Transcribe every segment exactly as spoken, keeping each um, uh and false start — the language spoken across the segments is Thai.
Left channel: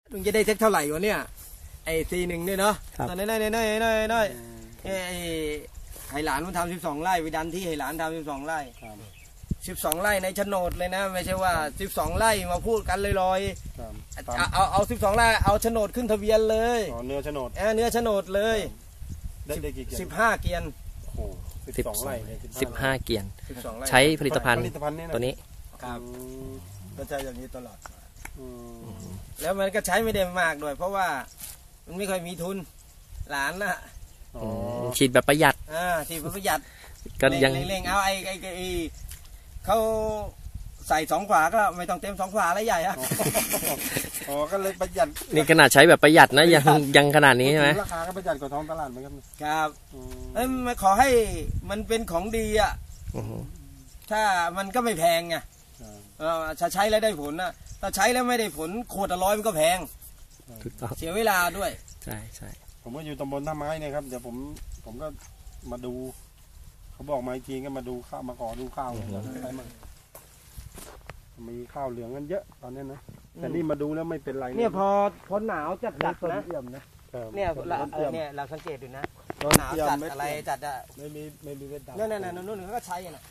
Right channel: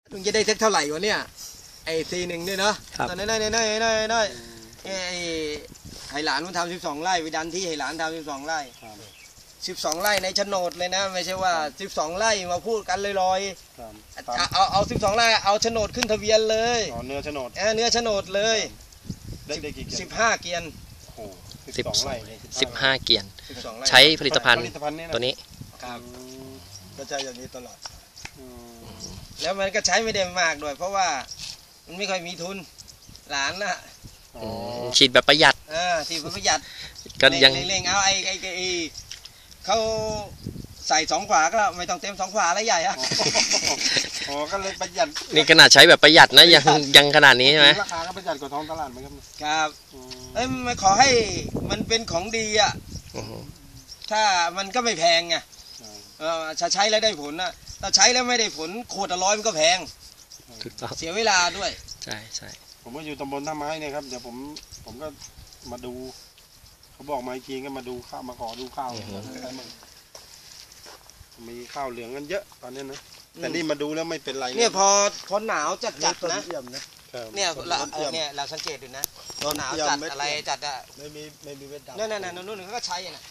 ลุงจะได้สักเท่าไหร่วะเนี่ยไอ้ซีหนึ่งด้วยเนาะตอนนั้นน้อยน้อยน้อยน้อยไอ้ไห้หลานมันทำสิบสองไร่ไปดันที่ไห้หลานทำสิบสองไร่สิบสองไร่ในโฉนดเลยนะไม่ใช่ว่าสิบสองไร่มาพูดกันลอยๆเอาเอาเอาสิบสองไร่เอาโฉนดขึ้นทะเบียนเลยเนื้อโฉนดเออเนื้อโฉนดเลยสิบห้าเกียนสิบสิบห้าเกียนใช้ผลิตภัณฑ์ตัวนี้ครับก็ใช้อย่างนี้ตลอดแล้วมันก็ใช้ไม่ได้มากด้วยเพราะว่ามันไม่ค่อยมีทุนหลานน่ะฉีดแบบประหยัดอ่าฉีดแบบประหยัดก็ยังเร่งๆเอาไอ้ไอ้ไอ้เขาใส่สองขวาก็ไม่ต้องเต็มสองขวาแล้วใหญ่อะอ๋อก็เลยประหยัดนี่ขนาดใช้แบบประหยัดนะยังยังขนาดนี้ใช่ไหมราคาก็ประหยัดกว่าท้องตลาดไหมครับครับเอ้ยมาขอให้มันเป็นของดีอ่ะถ้ามันก็ไม่แพงไงถ้าใช้แล้วได้ผลนะถ้าใช้แล้วไม่ได้ผลขวดละร้อยมันก็แพงเสียเวลาด้วยใช่ใช่ผมก็อยู่ตำบลท่าไม้เนี่ยครับเดี๋ยวผมผมก็มาดูเขาบอกมาอีกทีก็มาดูข้าวมาขอดูข้าวมีข้าวเหลืองกันเยอะตอนนี้นะแต่นี่มาดูแล้วไม่เป็นไรเนี่ยพอพอหนาวจัดจัดนะเนี่ยเราเนี่ยเราสังเกตดูนะพอหนาวจัดอะไรจัดอะไม่มีไม่มีเม็ดดำนั่นนั่นนั่นนู่นเขาก็ใช้น่ะ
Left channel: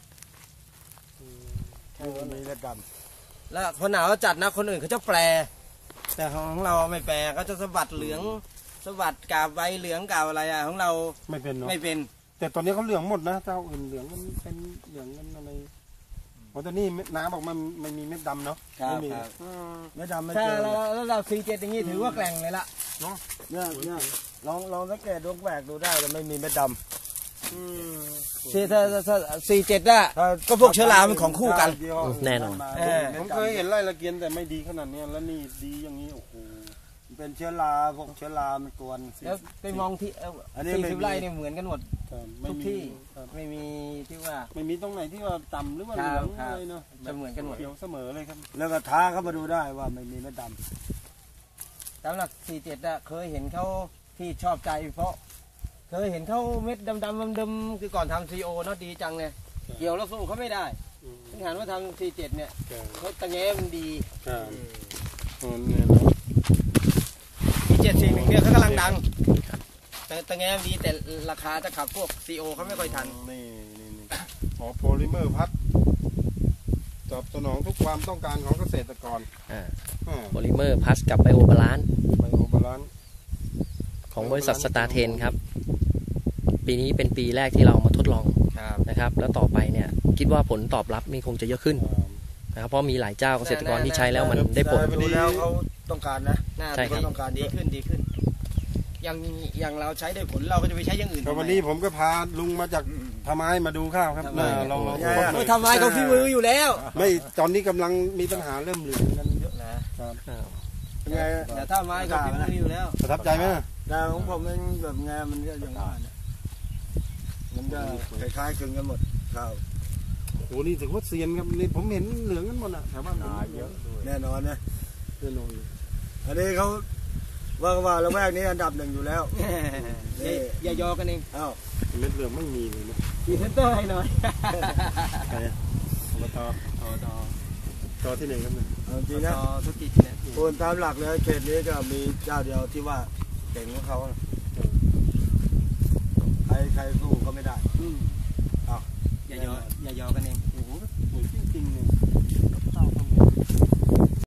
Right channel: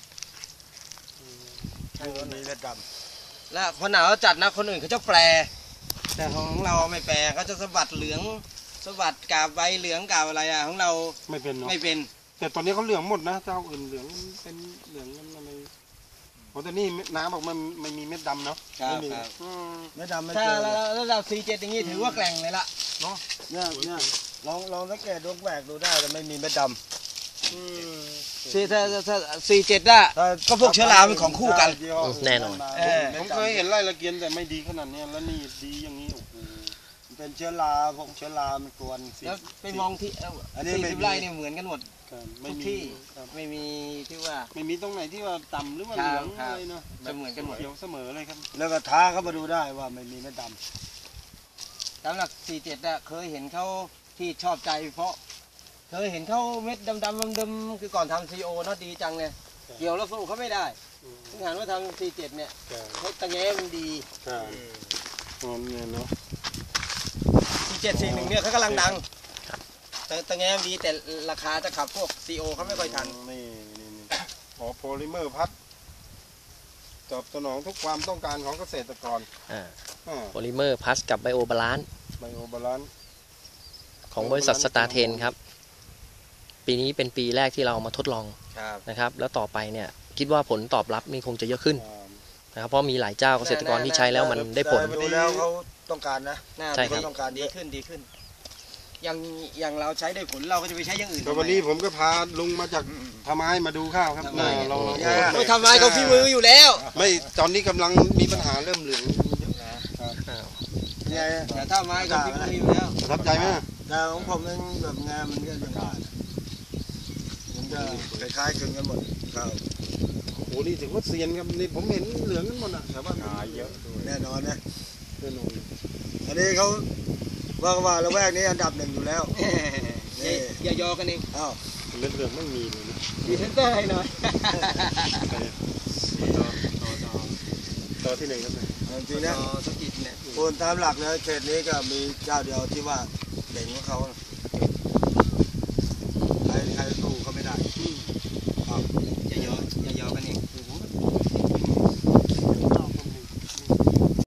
ไม่มีเม็ดดำและพอหนาวจัดนะคนอื่นเขาจะแปรแต่ของเราไม่แปรเขาจะสะบัดเหลืองสะบัดกาบใบเหลืองกาบอะไรอะของเราไม่เป็นไม่เป็นแต่ตอนนี้เขาเหลืองหมดนะเจ้าอื่นเหลืองมันเป็นเหลืองกันอะไรเพราะแต่นี่น้ำบอกมันไม่มีเม็ดดำเนาะครับเม็ดดำไม่เจอแล้วเราซีเจ็ดอย่างนี้ถือว่าแกร่งเลยละเนาะเนี่ยเนี่ยลองลองสังเกตดวงแหวกดูได้แต่ไม่มีเม็ดดำซีถ้าถ้าซีเจ็ดได้ก็พวกเชื้อราเป็นของคู่กันแน่นอนผมเคยเห็นไร่ละเกียนแต่ไม่ดีขนาดนี้แล้วนี่ดีอย่างนี้โอ้โหเป็นเชื้อราพวกเชื้อรามันกวนแล้วไปมองที่สี่สิบไร่เนี่ยเหมือนกันหมดทุกที่ไม่มีที่ว่าไม่มีตรงไหนที่ว่าต่ำหรือว่าเหลืองอะไรเนาะจะเหมือนกันหมดเขียวเสมอเลยครับแล้วก็ท้าเขามาดูได้ว่าไม่มีเม็ดดำสำหรับสี่เจ็ดอะเคยเห็นเขาที่ชอบใจเพราะเคยเห็นเขาเม็ดดำดำดำคือก่อนทำซีโอเนาะดีจังเลยเกี่ยวแล้วสู้เขาไม่ได้ถึงหันว่าทำสี่เจ็ดเนี่ยเขาตะแง่มันดีสี่เจ็ดสี่หนึ่งเนี่ยเขากำลังดังแต่ตะแง่ดีแต่ราคาจะขับพวกซีโอเขาไม่ค่อยทันนี่นี่นี่ขอโพลิเมอร์พัดตอบสนองทุกความต้องการของเกษตรกรโพลิเมอร์พัสกับไบโอบาลานซ์ไบโอบาลานซ์ของบริษัทสตาร์เทนครับปีนี้เป็นปีแรกที่เรามาทดลองนะครับแล้วต่อไปเนี่ยคิดว่าผลตอบรับมีคงจะเยอะขึ้นนะครับเพราะมีหลายเจ้าเกษตรกรที่ใช้แล้วมันได้ผลดูแล้วเขาต้องการนะใช่ครับต้องการดีขึ้นดีขึ้นอย่างอย่างเราใช้ได้ผลเราก็จะไปใช้อย่างอื่นวันนี้ผมก็พาลุงมาจากทำไม้มาดูข้าวครับลองไม่ทำไม้เขาฝีมืออยู่แล้วไม่ตอนนี้กำลังมีปัญหาเริ่มเหลืองเยอะแต่ถ้าไม้เขาฝีมืออยู่แล้วประทับใจไหมแต่ของผมเองแบบงานมันก็ยังได้มันจะคล้ายๆคลึงกันหมดข้าวโอ้โหนี่ถือว่าเซียนครับนี่ผมเห็นเหลืองกันหมดอ่ะแต่ว่าเยอะแน่นอนนะแน่นอนอันนี้เขาว่าว่าละแวกนี้อันดับหนึ่งอยู่แล้วอย่ายอกันเองอ้าวเรื่องเรื่องไม่มีเลยนะดีเซนเตอร์ให้หน่อยต่อต่อต่อต่อที่ไหนครับเนี่ยจริงนะธุรกิจเนี่ยคนตามหลักแล้วเขตนี้ก็มีเจ้าเดียวที่ว่าเด่นของเขาใครใครสู้เขาไม่ได้อย่ายออย่ายอกันเอง